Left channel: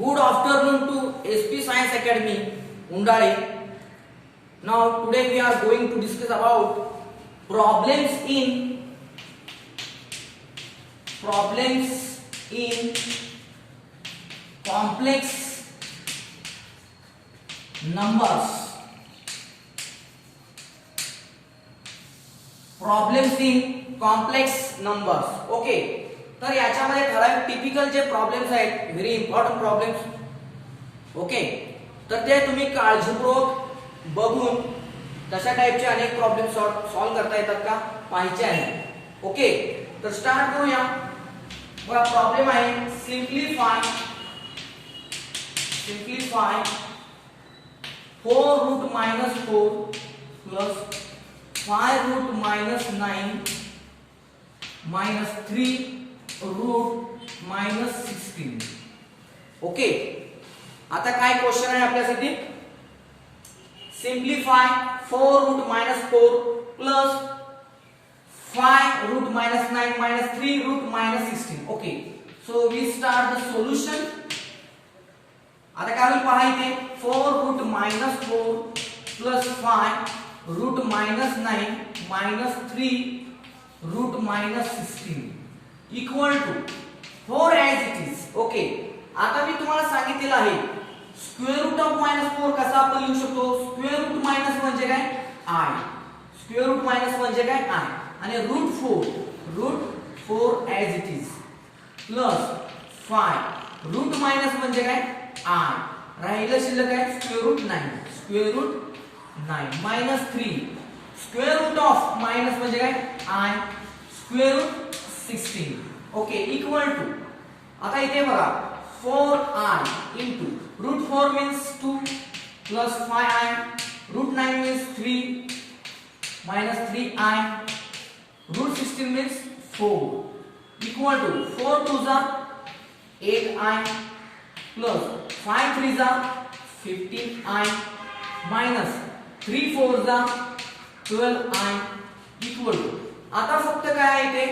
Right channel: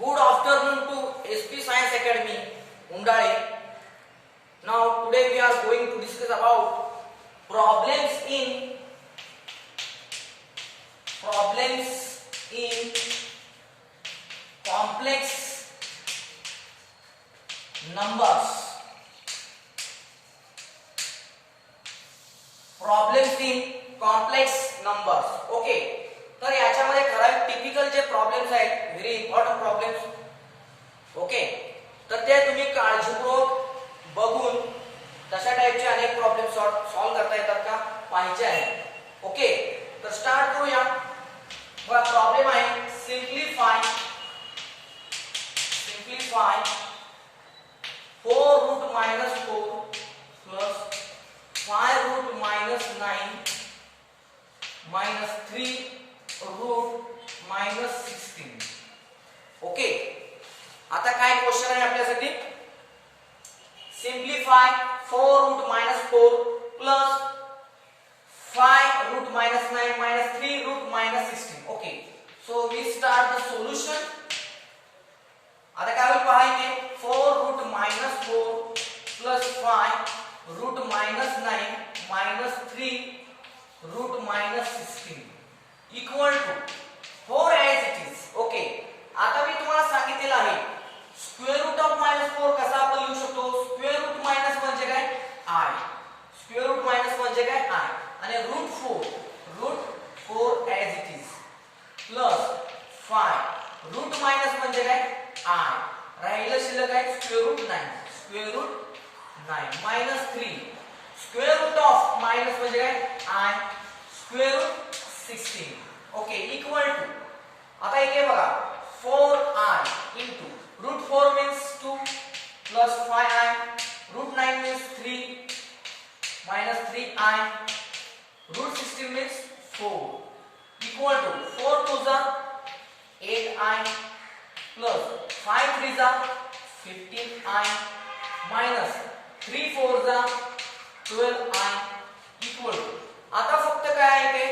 Good afternoon to SP Science Academy, Undali. Now today we are going to discuss about problems in complex numbers. Problems in complex numbers. Okay. तर याच्यामध्ये ठराविक typical जे problems आहेत, very important problems. Okay, तर ते तुम्ही काळजीपूर्वक बघून तशा टाइपचे अनेक प्रॉब्लेम सॉल्व्ह करता येतात का पाहिजे आहे. ओके, तर स्टार्ट करूया. बघा प्रॉब्लेम आहे simplify 4 root minus 4 plus 5 root minus 9 minus 3 root minus 16. Okay, आता काय क्वेश्चन आहे आपल्यासाठी. Simplify 4 root minus 4 plus 5 root minus 9 minus 3 root minus 16. Okay, so we start the solution. आता काय होईल पहा इथे. 4 root minus 4 plus 5 root minus 9 minus 3 root minus 16 equal to 4 as it is. Okay, आता मी तुम्हाला सांगितलेलं आहे स्क्वेअर रूट ऑफ मायनस 4 कसा आपण लिहू शकतो. स्क्वेअर रूट मायनस म्हणजे काय आय. स्क्वेअर रूट मायनस म्हणजे काय आय. आणि root 4 as it is plus 5 root minus म्हणजे काय आय. राहिलं शिल्लक आहे square root 9 minus 3 square root of minus म्हणजे काय i square root 16. Okay, equal to आता इथे बघा 4i into root 4 means 2 plus 5i root 9 means 3 minus 3i root 16 means 4 equal to 4 2s are 8i plus 5 3s are 15i minus 3 4s are 12i equal to आता फक्त काय आहे ते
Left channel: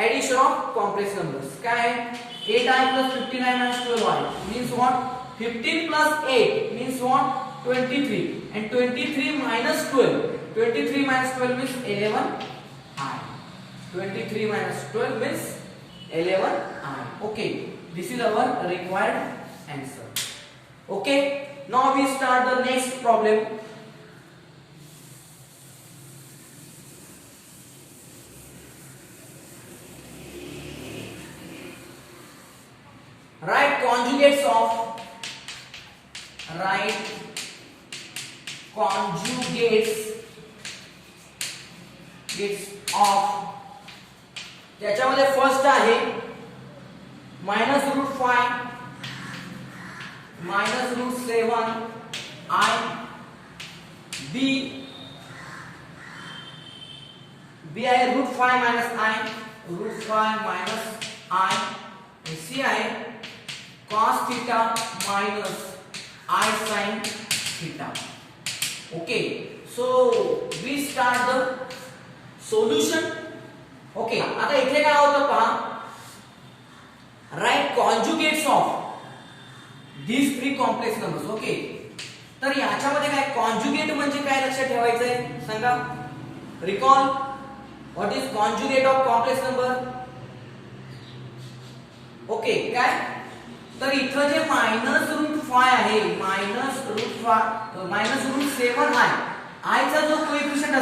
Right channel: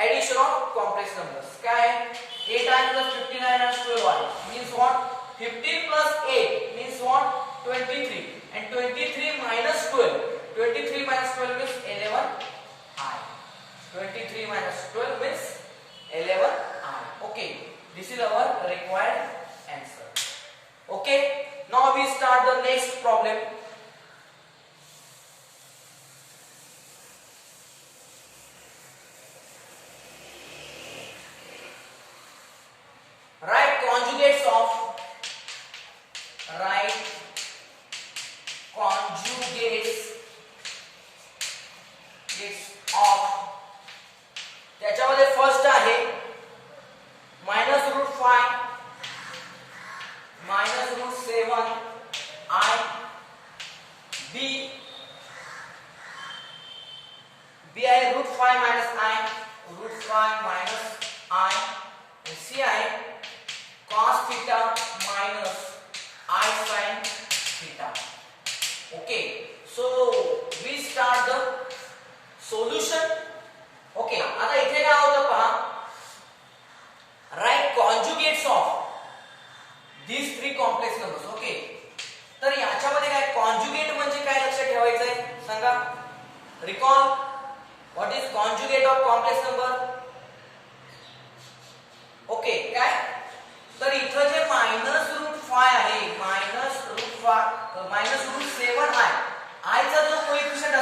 addition of complex numbers. क्या है 8i plus 15i minus 12i means what 15 plus 8 means what 23 and 23 minus 12 means 11i. 23 minus 12 means 11i. Okay, this is our required answer. Okay, now we start the next problem. Write conjugates of त्याच्यामध्ये first आहे minus root 5 minus root 7 i b आहे root 5 minus i root 5 minus i c आहे cos theta minus I sin theta. Okay, so we start the solution. Okay, आता इथे काय होतं पहा. Write conjugates of these three complex numbers. Okay, तर याच्यामध्ये काय कॉन्जुगेट म्हणजे काय लक्षात ठेवायचं आहे सांगा. Recall what is conjugate of complex number. Okay, काय तर इथं जे मायनस रूट 5 आहे मायनस रूट 7 आहे. आयचा जो कोएफिशिएंट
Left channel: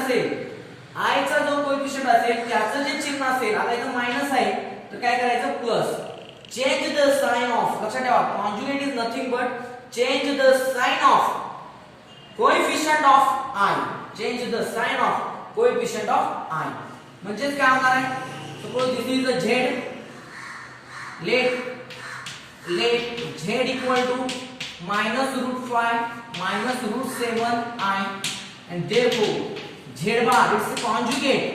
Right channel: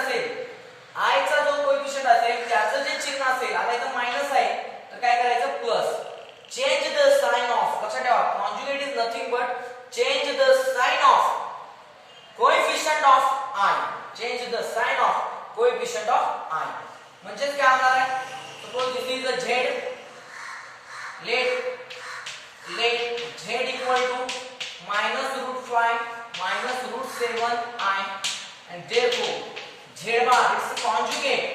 असेल त्याचं जे चिन्ह असेल. आता इथं मायनस आहे तर काय करायचं plus. Change the sign of. लक्षात ठेवा conjugate is nothing but change the sign of coefficient of i. Change the sign of coefficient of i म्हणजे काय होणार आहे. Suppose this is the z. let z equal to minus root 5 minus root 7i and therefore z bar is conjugate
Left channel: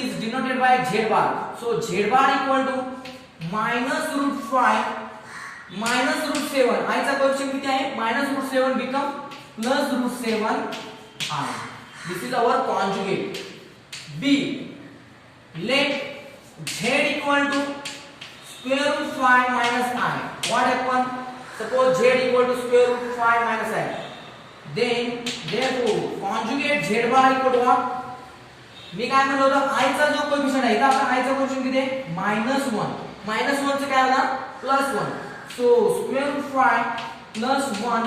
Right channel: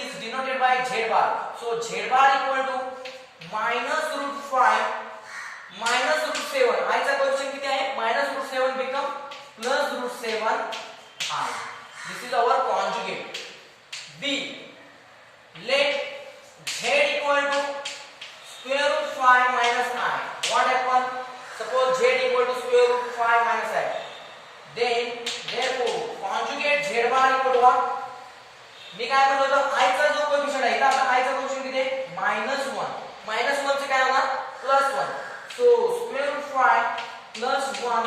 is denoted by z bar. So z bar equal to minus root 5 minus root 7 i चा coefficient किती आहे minus root 7 become plus root 7i. This is our conjugate. B let z equal to square root 5 minus I. What happened? Suppose z equal to square root 5 minus I. Then therefore conjugate z bar equal to what? मी काय म्हणलो होतो I चा जो coefficient आहे इथं आपला I चा coefficient किती आहे -1. -1 चं काय होणार +1. So square root 5 plus 1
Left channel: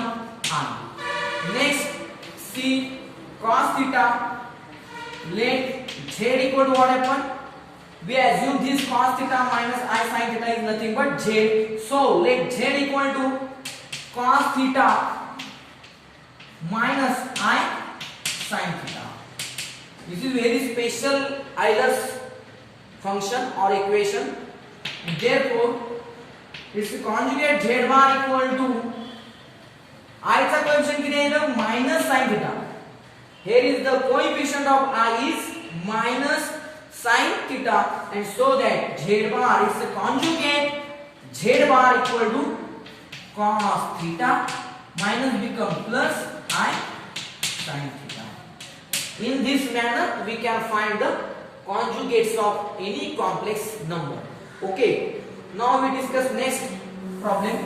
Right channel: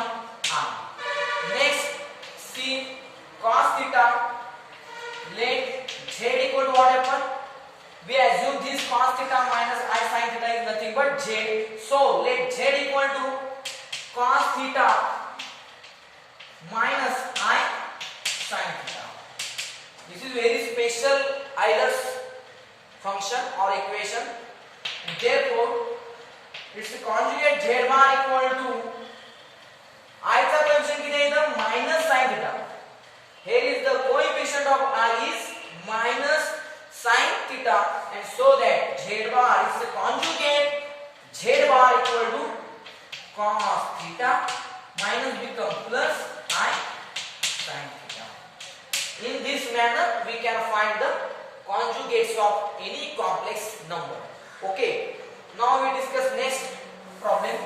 I. Next see cos theta. Let z equal to what happen? We assume this cos theta minus I sin theta is nothing but z. So let z equal to cos theta minus I sin theta. This is very special Euler's function or equation. Therefore, its conjugate z bar equal to I चा coefficient किती आहे इथं minus sin theta. Here is the coefficient of I is minus sin theta, and so that z bar is the conjugate z bar equal to cos theta minus become plus I sin theta. In this manner we can find the conjugates of any complex number. Okay, now we discuss next problem.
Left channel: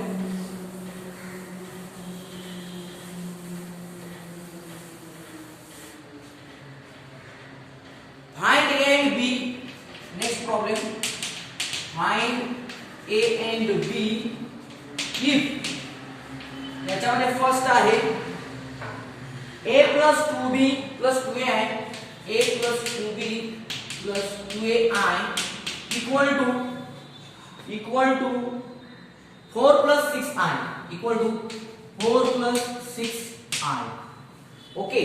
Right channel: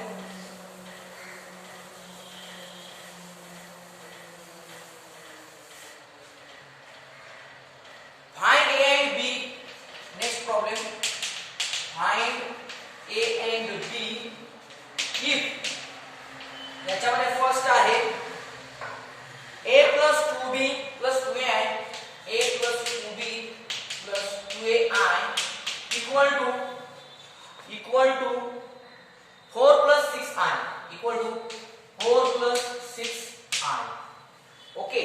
Find A and B. Next problem. Find A and B if याच्यामध्ये first आहे A plus 2B plus 2A A plus 2B plus 2AI equal to 4 plus 6I equal to 4 plus 6I. Okay,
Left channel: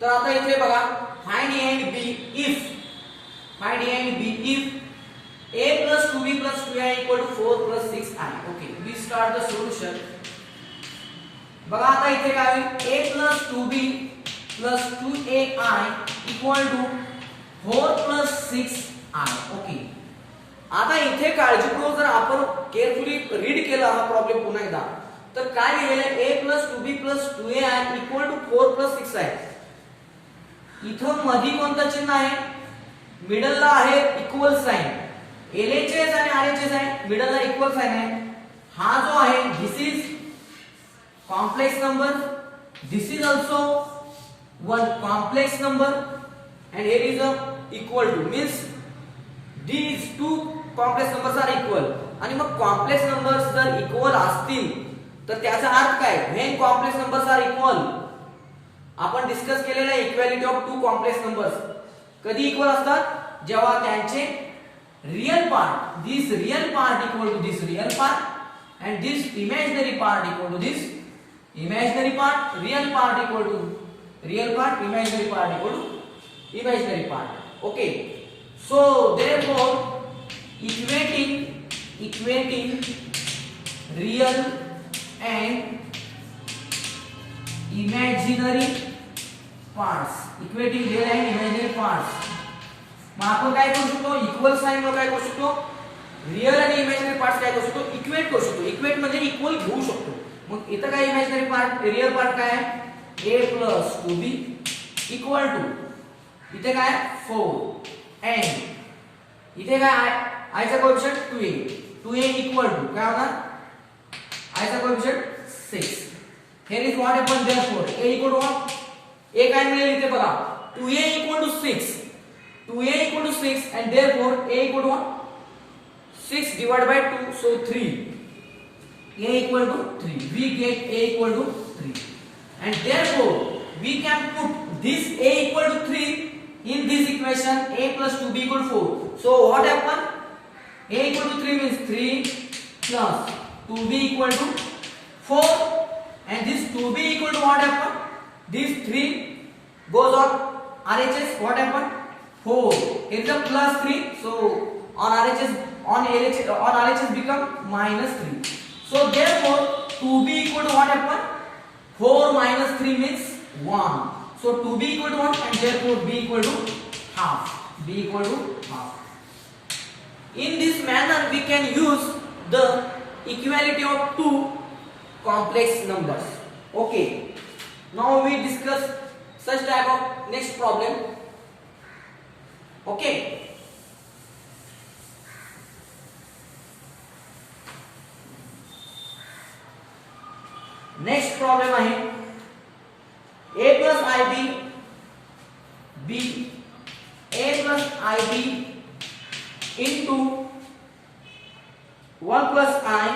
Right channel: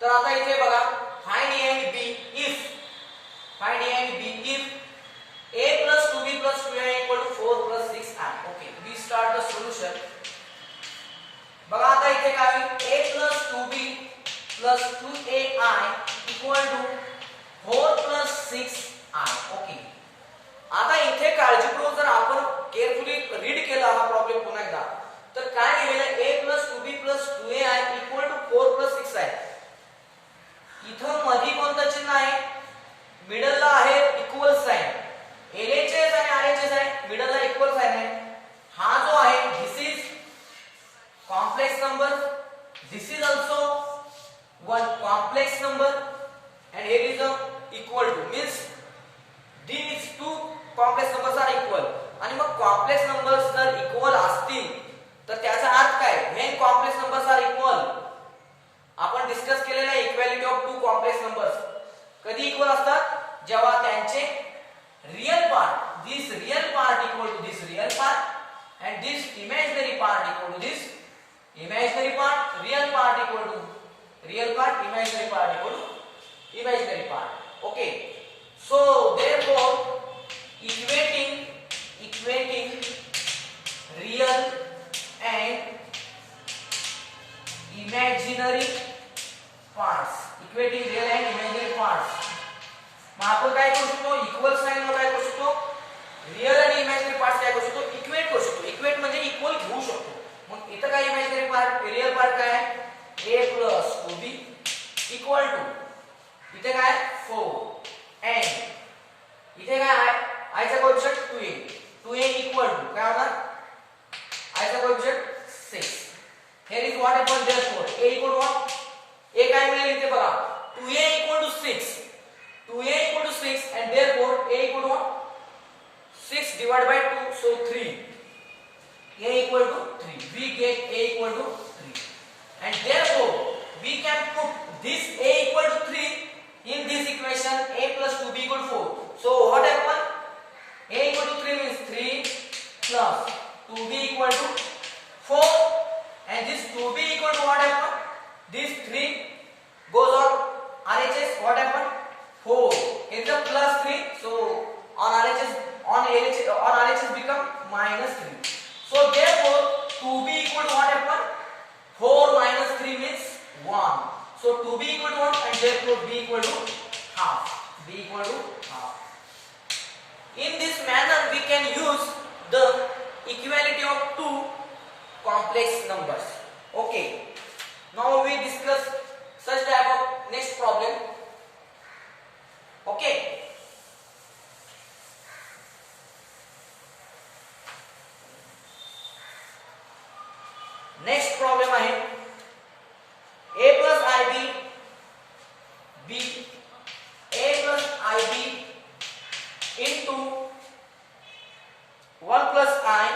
तर आता इथे बघा find A and B if A plus 2B plus 2I equal to 4 plus 6I. Okay, we start the solution. बघा आता इथे काय A plus 2B plus 2AI equal to 4 plus 6I. Okay, आता इथे काळजीपूर्वक जर आपण केअरफुली रीड केला हा प्रॉब्लेम पुन्हा एकदा तर काय दिलेलं आहे A plus 2B plus 2AI equal to 4 plus 6I. इथं मध्ये कोणतं चिन्ह आहे मिडल ला आहे इक्वल साइन. LHS आणि RHS आहे मिडल ला इक्वल साइन आहे. हा जो आहे this is complex number, this is also one complex number, and here is a equal to means these two complex numbers are equal. आणि मग complex numbers जर equal असतील तर त्याचा अर्थ काय when complex numbers are equal आपण discuss केलेलं आहे equality of two complex numbers कधी इक्वल असतात जेव्हा त्यांचे real part this real part equal to this real part and this imaginary part equal to this imaginary part, real part equal to real part, imaginary part equal to imaginary part. Okay, so therefore equating real and imaginary parts, equating real and imaginary parts. मग आपण काय करू शकतो equal sign मध्ये काय करू शकतो real आणि imaginary parts काय करू शकतो इक्वेट करू शकतो. इक्वेट म्हणजे इक्वल घेऊ शकतो. मग इथं काय इमॅजिनरी पार्ट रियल पार्ट काय आहे a plus 2b equal to इथे काय 4 and इथे काय i चा coefficient 2a 2a equal to काय होणार i चा coefficient 6. here is what happened therefore a equal to what a काय मिळेल इथे बघा 2a equal to 6 2a equal to 6 and therefore a equal to what 6 divided by 2 so 3 a equal to 3 we get a equal to 3 and therefore we can put this a equal to 3 in this equation a plus 2b equal to 4. So what happened a equal to 3 means 3 plus 2b equal to 4 and this 2b equal to what happened this 3 goes on RHS what happened 4 here is a plus 3 so on RHS become minus 3. So therefore 2b equal to what happened 4 minus 3 means 1. So 2b equal to 1 and therefore b equal to half. b equal to half. In this manner we can use the equality of two complex numbers. Okay. Now we discuss such type of next problem. Okay. Next problem आहे a plus ib b a plus ib into 1 plus i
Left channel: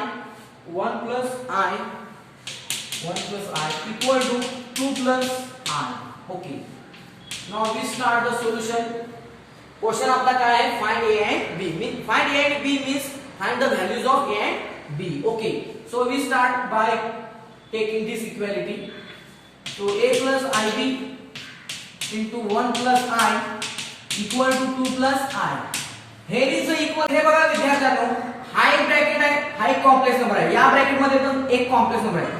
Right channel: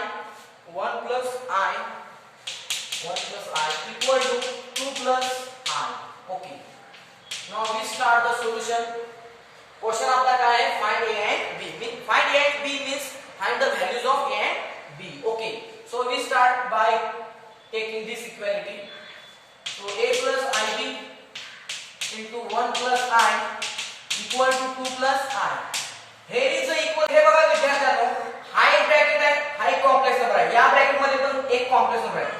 1 plus i 1 plus I equal to 2 plus I. Okay. Now we start the solution. Question आपका क्या है? Find A and B. Find A and B means find the values of A and B. Okay. So we start by taking this equality. So A plus IB into 1 plus I equal to 2 plus I. Here is the equal. हे बघा विद्यार्थ्यांनो, हाय bracket आहे, हाय complex number आहे. या bracket मध्ये पण एक complex number आहे.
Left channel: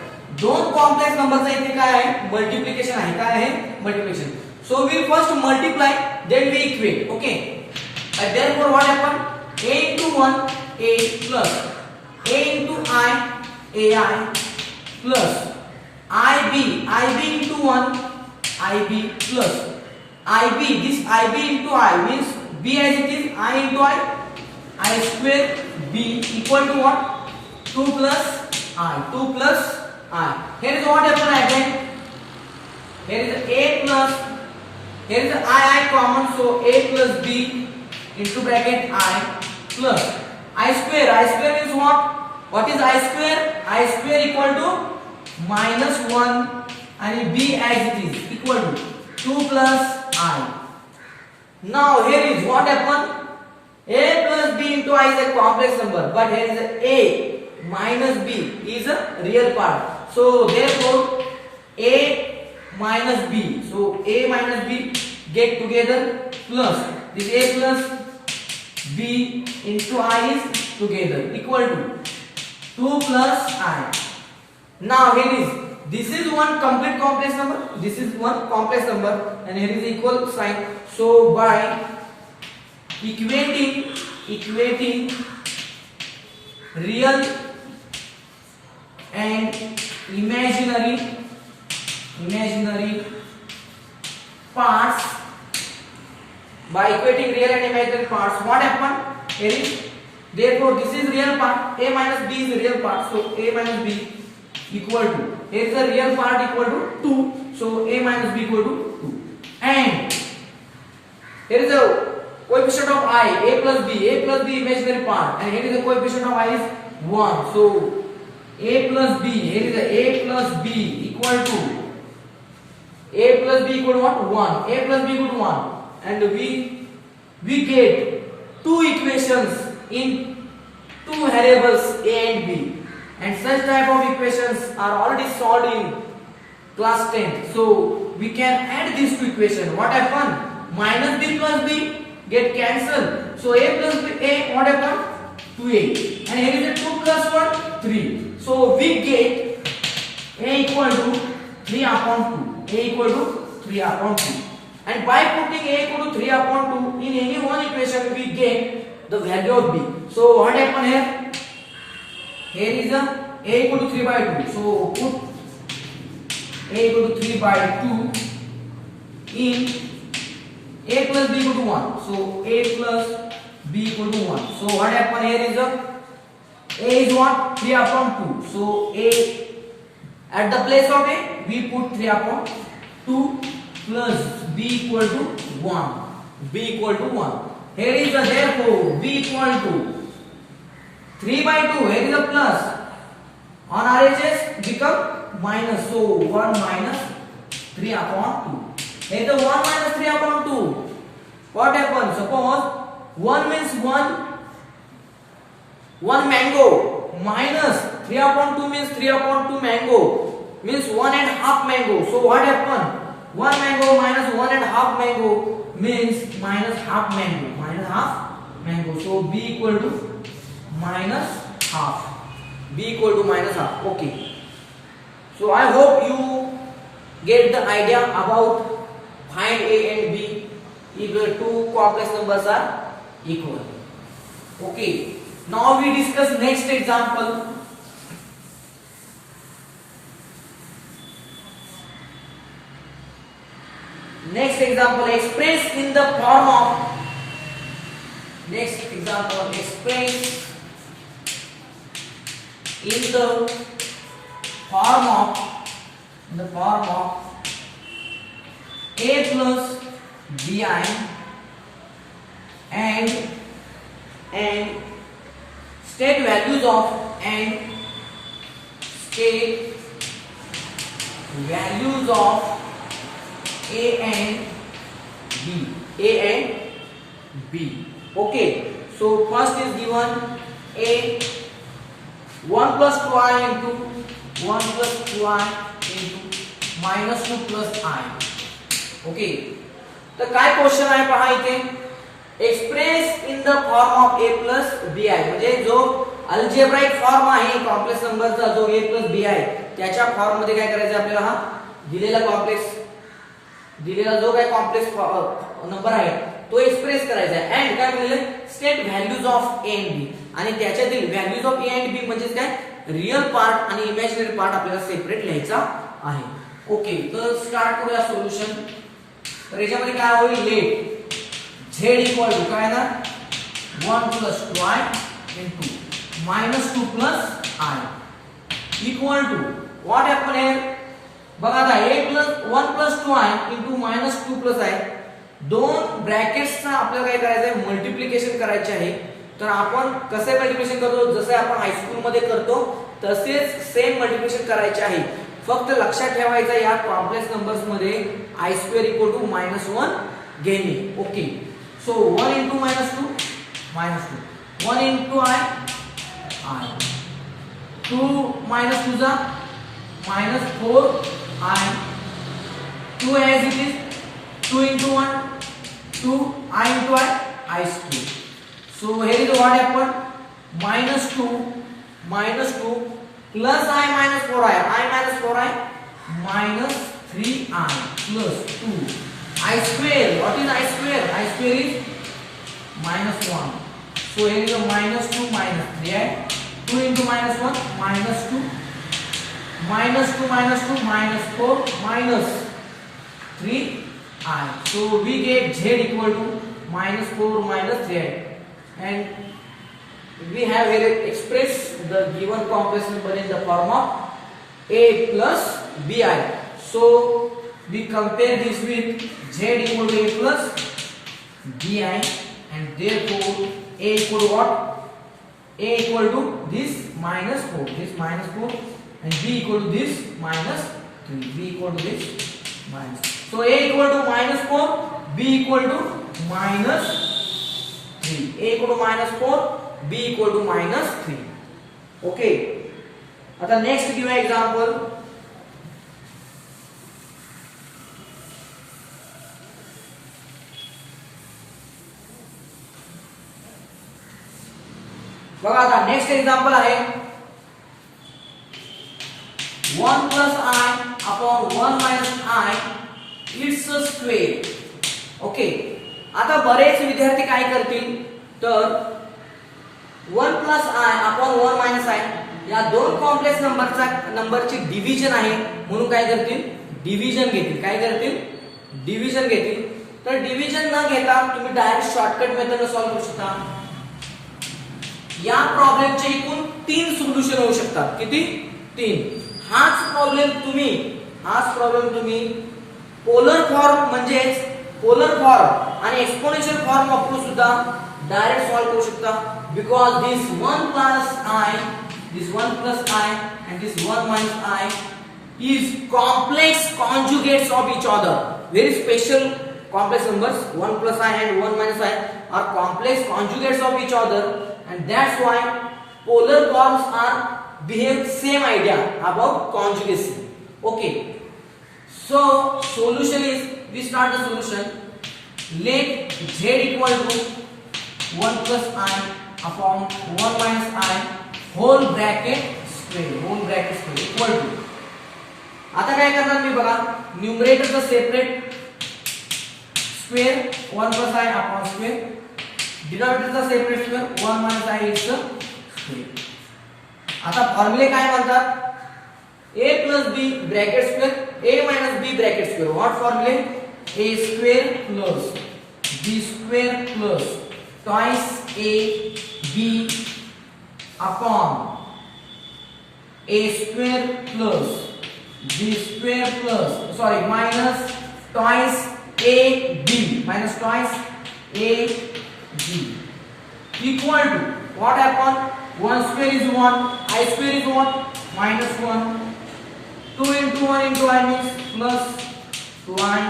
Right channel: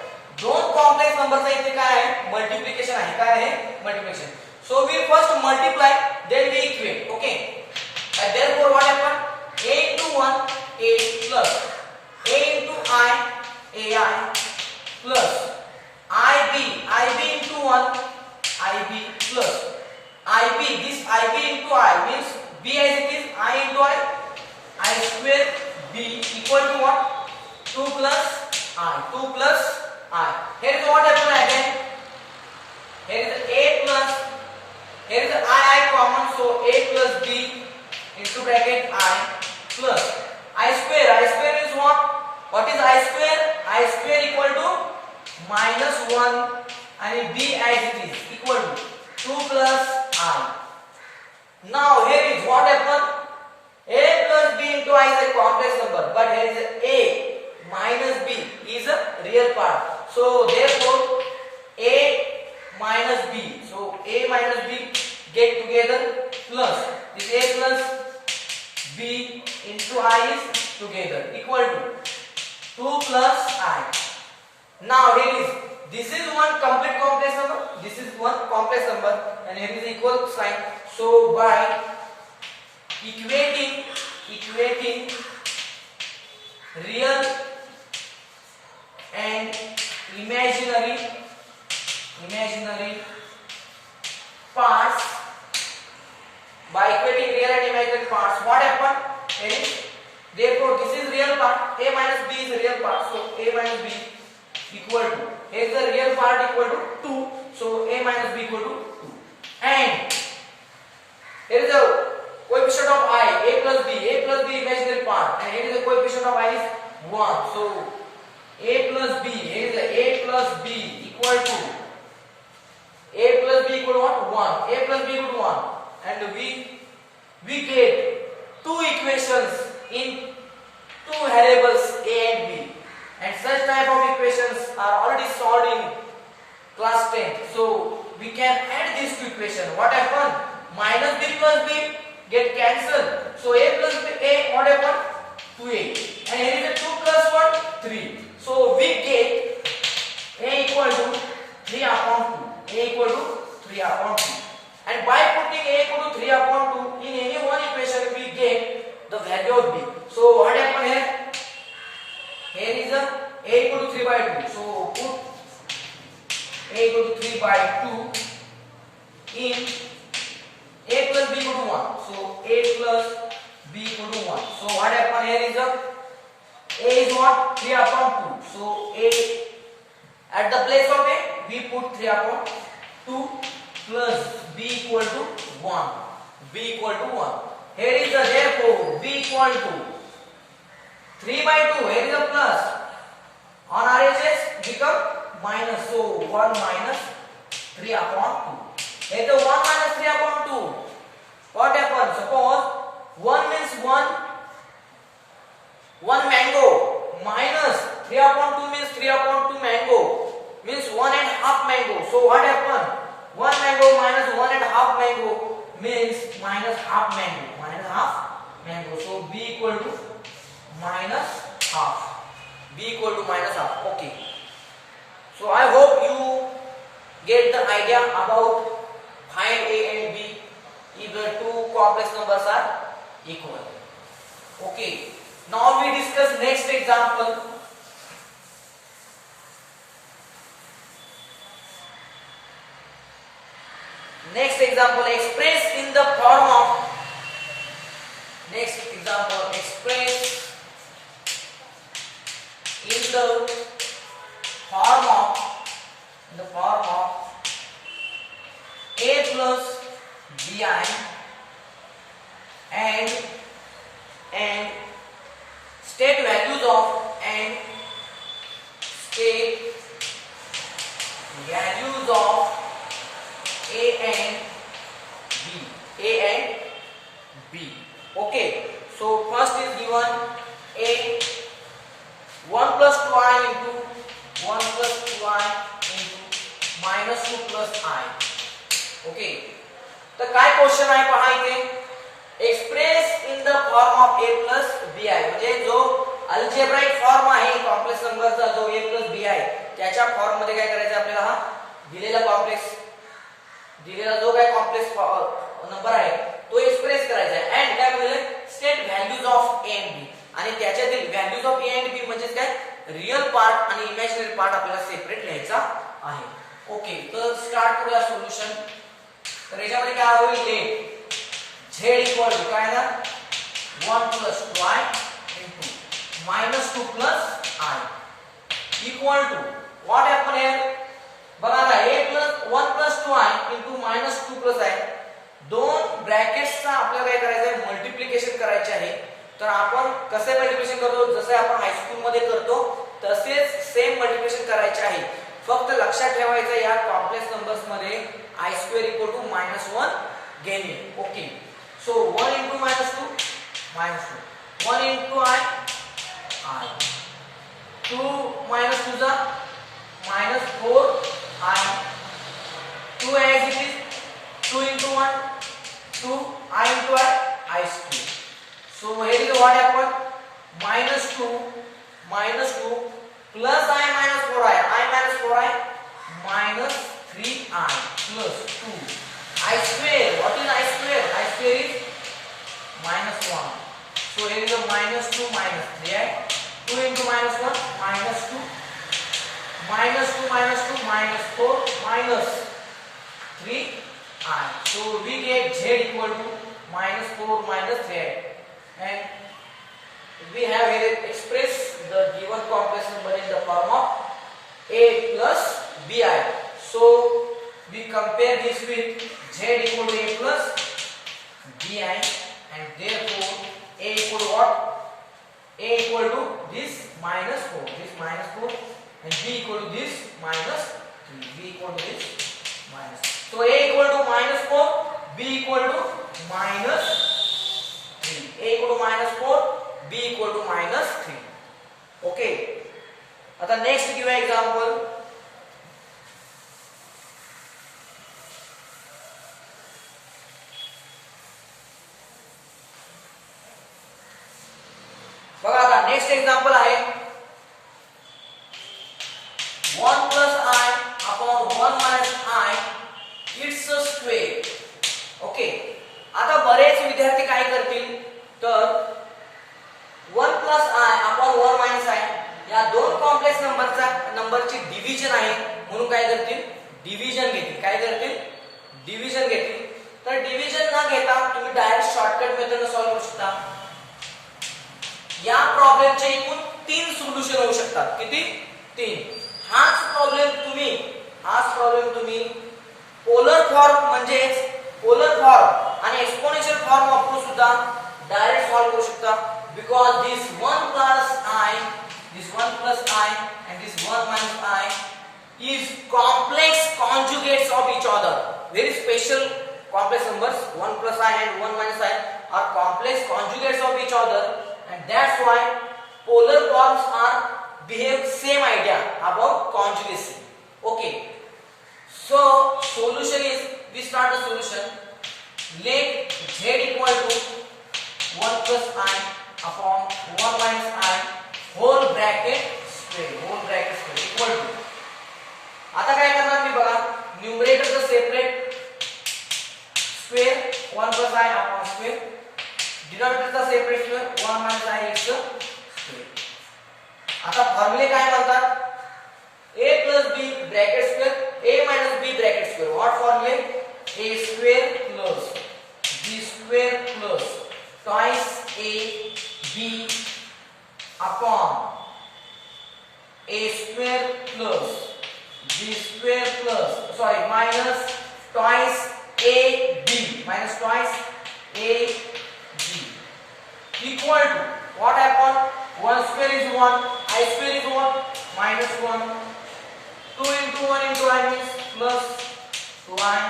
दोन कॉम्प्लेक्स नंबरचा इथे काय आहे? मल्टिप्लिकेशन आहे. काय आहे? Multiplication. So we first multiply, then we equate. Okay. And therefore what happen? A into 1 A plus A into I AI plus IB into 1 IB plus IB. This IB into I means B as it is, I into I square B equal to what? 2 plus I. 2 plus I. Here is what happened again. Here is A plus, here is I common, so A plus B into bracket I plus I square. I square is what? What is I square? I square equal to minus 1 and B as it is equal to 2 plus I. Now here is what happened. A plus B into I is a complex number, but here is A minus B is a real part. So therefore A minus B. So A minus B get together plus this A plus B into I is together equal to 2 plus I. Now here is, this is one complete complex number, this is one complex number, and here is equal sign. So by equating real and imaginary parts, by equating real and imaginary parts, what happened? Here is, therefore this is real part, A minus B is a real part, so A minus B equal to, here is the real part equal to 2, so A minus B equal to 2, and here is the coefficient of I, A plus B imaginary part, and here is the coefficient of I is 1, so A plus B, here is the A plus B equal to, A plus B equal to what? 1. A plus B equal to 1. And we get two equations in two variables A and B. And such type of equations are already solved in class 10. So we can add these two equations. What happened? Minus B plus B get cancelled. So A plus B, A, what happened? 2A. And here is a 2 plus 1, 3. So we get A equal to 3 upon 2. A equal to 3 upon 2. And by putting A equal to 3 upon 2 in any one equation, we get the value of B. So what happened here? Here is A equal to 3 by 2. So put A equal to 3 by 2 in A plus B equal to 1. So A plus B equal to 1. So what happened here is A is what? 3 upon 2. So A, at the place of A, we put 3 upon 2 plus B equal to 1. B equal to 1. Here is the, therefore B equal to 3 by 2. Here is a plus. On RHS become minus. So 1 minus 3 upon 2. Here is the 1 minus 3 upon 2. What happens? Suppose 1 means 1 mango minus 3 upon 2 means 3 upon 2 mango means 1 and half mango. So what happened? 1 mango minus 1 and half mango means minus half mango. Minus half mango. So B equal to minus half. B equal to minus half. Okay. So I hope you get the idea about find A and B if the two complex numbers are equal. Okay. Now we discuss next example. Next example express in the form of, next example express in the form of a plus bi and state values of a and b. Okay, so first is given a 1 plus 2i into minus 2 plus I. Okay, तर काय question आहे पहा इथे, express in the form of a plus bi, म्हणजे जो algebraic form आहे complex नंबरचा जो a प्लस bi त्याच्या फॉर्म मध्ये काय करायचं आपल्याला, हा दिलेला जो काय कॉम्प्लेक्स नंबर आहे तो एक्सप्रेस करायचा आहे. एंड काय म्हणले, state values of a and b, आणि त्याच्यातील values of a and b म्हणजे काय, रियल पार्ट आणि इमॅजिनरी पार्ट आपल्याला सेपरेट लिहायचा आहे. ओके, तर स्टार्ट करूया सोल्युशन. तर याच्यामध्ये काय होईल, लेट z इक्वल टू काय ना 1 plus 2i into minus 2 plus I equal to what happen here, बघा आता a plus 1 plus 2i into minus 2 plus I, दोन ब्रॅकेट्सचा आपल्याला काय करायचं आहे, मल्टिप्लिकेशन करायचे आहे. तर आपण कसे मल्टिप्लिकेशन करतो, जसे आपण हायस्कूल मध्ये करतो तसेच सेम मल्टिप्लिकेशन करायचे आहे. फक्त लक्षात ठेवायचं या कॉम्प्लेक्स नंबर्स मध्ये i स्क्वेअर इक्वल टू -1 घेणे. Okay, so 1 into -2 -2, 1 into I 2 minus 2 जा -4i, 2 as it is, 2 into 1 2, I into I square. So here is what happened, -2 plus I minus 4i, I minus 4i minus 3i plus 2 I square. What is I square? I square is -1. So here is a -2 minus 3i, 2 into -1 -2, -2 minus 4 minus 3i. So we get z equal to -4 minus 3i, and we have here expressed the given complex number in the form of a plus bi. So we compare this with z equal to a plus bi, and therefore a equal to what, a equal to this -4, and b equal to this -3, b equal to this minus. So a equal to -4, b equal to -3, a equal to -4, b equal to -3. Okay, आता next give an example. बघा आता next example आहे 1 plus I upon 1 minus I it's a square. Okay, आता बरेच विद्यार्थी काय करतील, तर 1 plus I upon 1 minus I या दोन कॉम्प्लेक्स नंबरची डिव्हिजन आहे म्हणून काय करतील, डिव्हिजन घेतील. काय करतील, डिव्हिजन घेतील. तर डिव्हिजन न घेता तुम्ही डायरेक्ट शॉर्टकट मेथड सॉल्व्ह करू शकता. या प्रॉब्लेमचे एकूण 3 सोल्युशन होऊ शकतात. किती, 3. हाच प्रॉब्लेम तुम्ही पोलर फॉर्म म्हणजेच पोलर फॉर्म आणि एक्सपोनेन्शियल फॉर्म वापरून सुद्धा डायरेक्ट सॉल्व्ह करू शकता. Because this 1 plus I and this 1 minus I is complex conjugates of each other. Very special complex numbers, 1 plus I and 1 minus I are complex conjugates of each other, and that's why polar forms are behave same idea about conjugacy. Okay, so solution is, we start the solution. Let z equal to 1 plus I upon 1 minus I whole bracket square equal to. आता काय करणार मी, बघा न्यूमरेटरचा separate square 1 plus I upon square, डिनॉमिनेटरचा separate square 1 minus I is square. आता फॉर्म्युले काय म्हणतात, a plus b bracket square, a minus b bracket square. What फॉर्म्युले, a square plus b square plus twice a b upon a square plus b square plus sorry minus twice ab minus twice ab equal to what happened? 1 square is 1, I square is 1, minus 1. 2 into 1 into I means plus 2i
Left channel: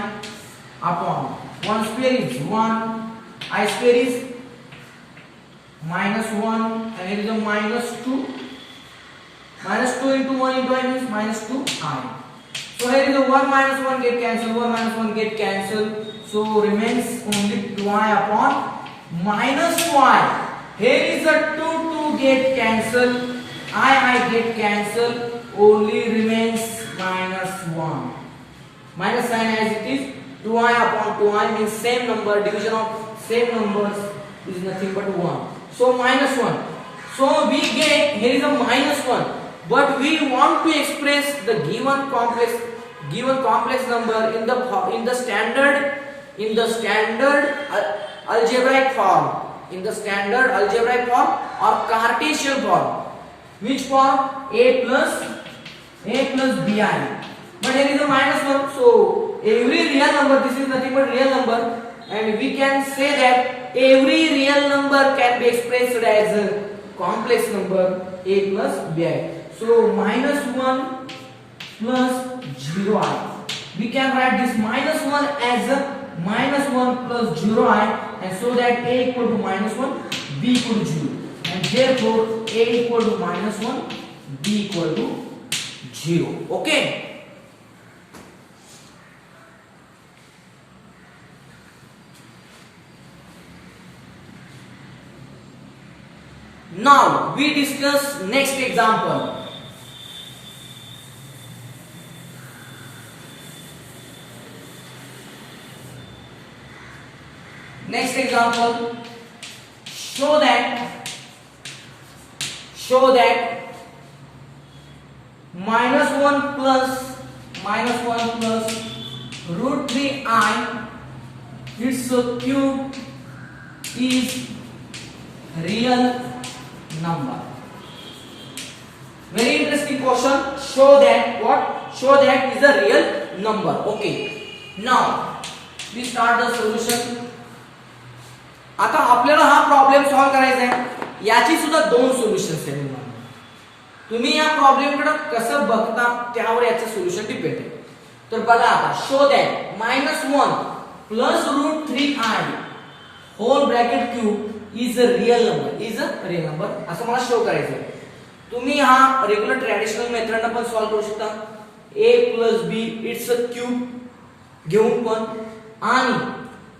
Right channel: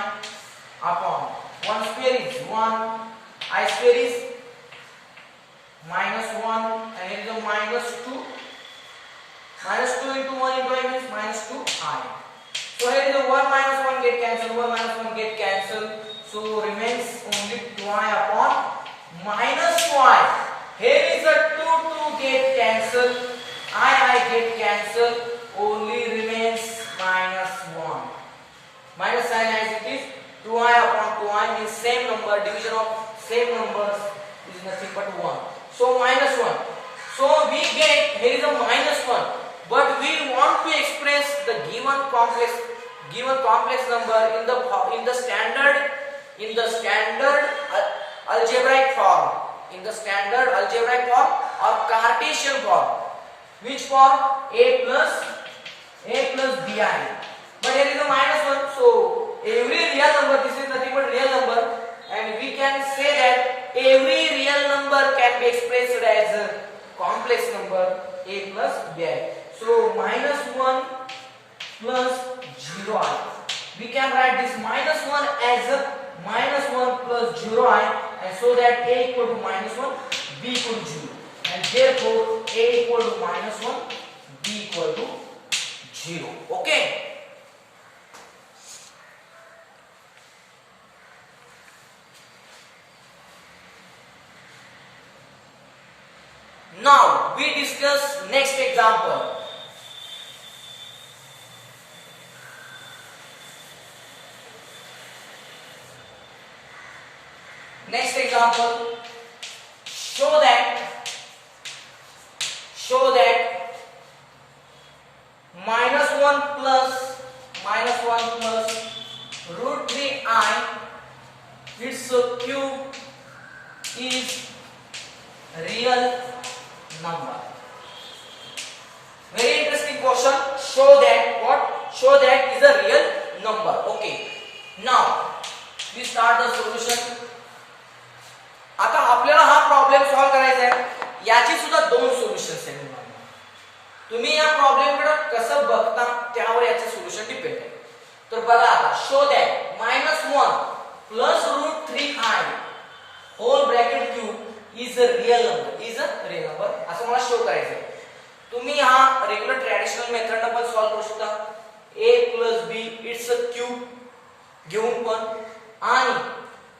upon 1 square is 1, I square is minus 1 and here is a minus 2. Minus 2 into 1 into I means minus 2i. So here is a 1 minus 1 get cancelled, 1 minus 1 get cancelled. So remains only 2i upon minus 2i. Here is a 2 get cancelled, I get cancelled, only remains minus 1. Minus sign as it is, 2i upon 2i means same number, division of same numbers is nothing but 1. So minus 1. So we get, here is a minus 1, but we want to express the given complex number in the standard algebraic form. In the standard algebraic form or Cartesian form. Which form? A plus bi. But here is a minus 1. So every real number, this is nothing but real number, and we can say that every real number can be expressed as a complex number a plus bi. So minus 1 plus 0i. We can write this minus 1 as a minus 1 plus 0i, and so that a equal to minus 1, b equal to 0, and therefore a equal to minus 1, b equal to 0. Okay. Now we discuss next example. Next example, show that minus 1 plus root 3i its cube is real number. Very interesting question. Show that what? Show that is a real number. Okay. Now we start the solution. आता आपल्याला हा problem solve करायचा आहे. याची सुद्धा दोन solutions आहेत. तुम्ही या प्रॉब्लेम कडे कसं बघता त्यावर याचं सोल्युशन डिपेंड आहे. तर बघा आता, show that -1 plus root 3i whole bracket cube is a real number, असं मला शो करायचं आहे. तुम्ही हा रेग्युलर ट्रॅडिशनल मेथडने पण सॉल्व करू शकता. a plus b it's a cube घेऊन पण, आणि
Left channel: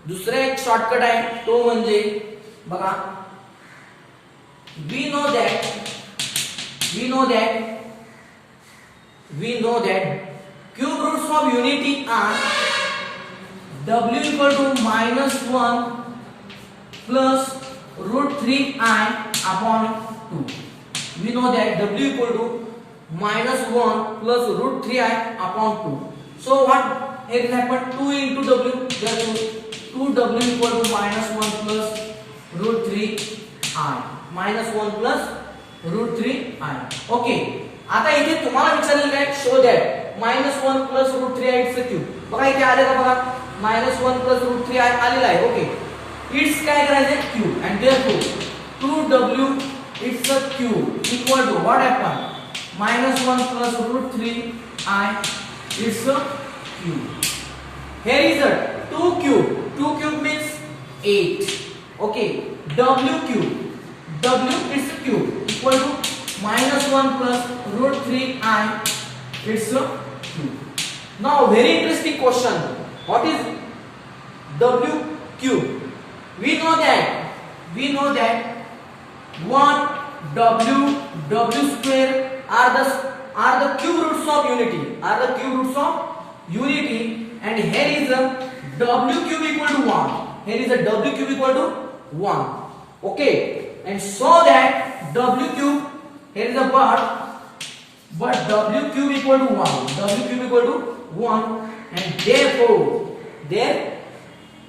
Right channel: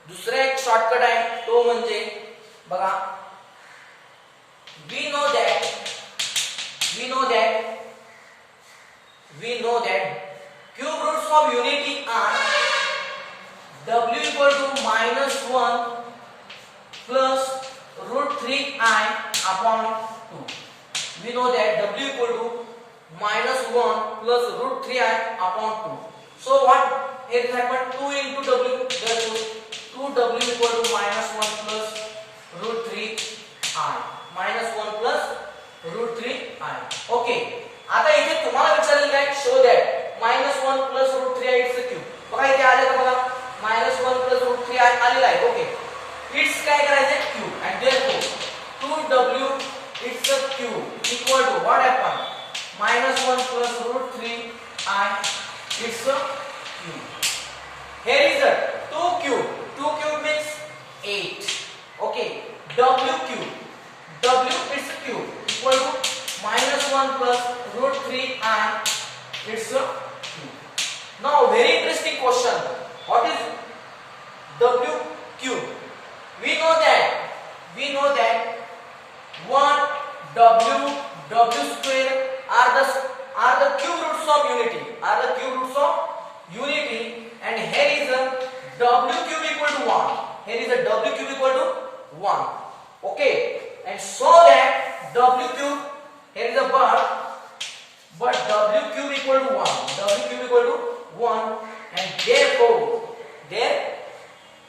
दुसरा एक शॉर्टकट आहे तो म्हणजे बघा, we know that cube roots of unity are w equal to -1 plus root 3i upon 2. We know that w equal to -1 plus root 3i upon 2. So what here is happened, 2 into w, therefore 2w equal to -1 plus root 3i, -1 plus root 3i. Okay. आता इथे तुम्हाला विचारलेलं आहे, show that -1 plus root 3i it's a cube. बघा इथे आले का बघा, -1 plus root 3i आलेला आहे. ओके, इट्स काय करायचं, cube, and therefore 2w it's a cube equal to what happen, -1 plus root 3i it's a cube. Here is a 2 cube. 2 cube means 8. Okay, w cube, w is a cube equal to -1 plus root 3i, it's a cube. Now very interesting question, what is w cube? We know that what w square are the cube roots of unity, and here is a w cube equal to 1. Here is a w cube equal to 1. Okay, and so that w cube, here is a but w cube equal to 1. W cube equal to 1, and therefore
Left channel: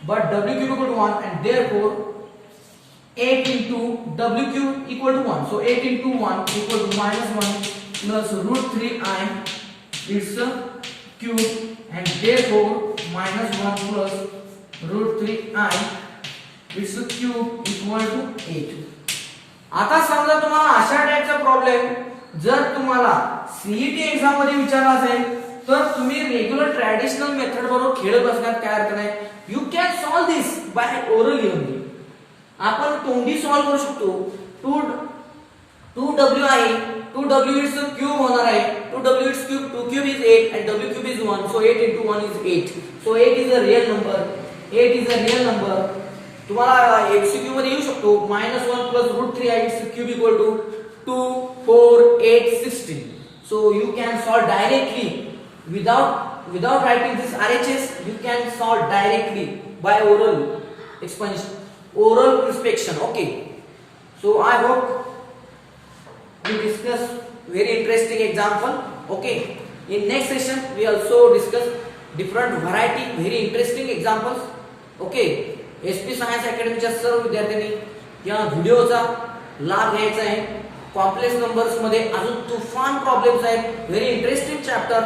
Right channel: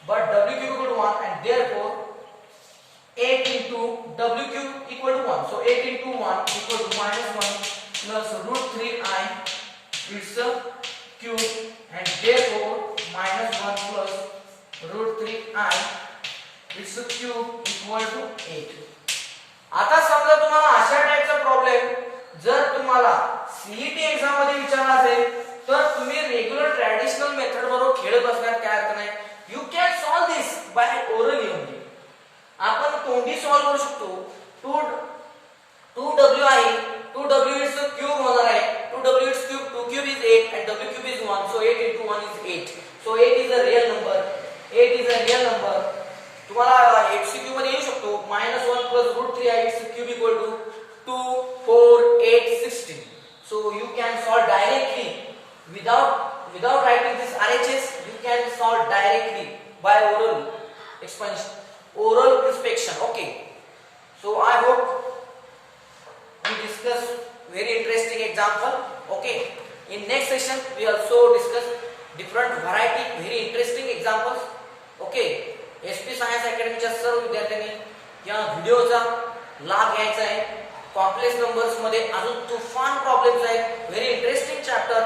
w cube equal to 1, and therefore 8 into w cube equal to 1. So 8 into 1 equal to -1. plus root 3i, it's a cube, and therefore minus 1 plus root 3i, it's a cube equal to 8. आता समजा तुम्हाला अशा टाइपचा problem जर तुम्हाला CET exam मध्ये विचारला असेल तर तुम्ही रेग्युलर ट्रॅडिशनल मेथड बरोबर खेळत बसण्यात काय अर्थ नाही. You can solve this by orally only. आपण तोंडी सॉल्व करू शकतो. 2w आहे, 2w इट्स क्यूब होणार आहे. 2w it's cube, 2 cube is 8 and w cube is 1, so 8 into 1 is 8. So 8 is a real number. 8 is a real number. तुम्हाला MCQ मध्ये येऊ शकतो -1 plus root 3i, its cube equal to 2, 4, 8, 16. So you can solve directly without writing this RHS. You can solve directly by oral expansion, oral inspection. Okay. So I hope we discuss very interesting example. Okay. In next session we also discuss different variety very interesting examples. Okay. SP science अकॅडमीच्या सर्व विद्यार्थ्यांनी या व्हिडिओचा लाभ घ्यायचा आहे. Complex numbers मध्ये अजून तुफान प्रॉब्लेम्स आहेत. Very interesting chapter.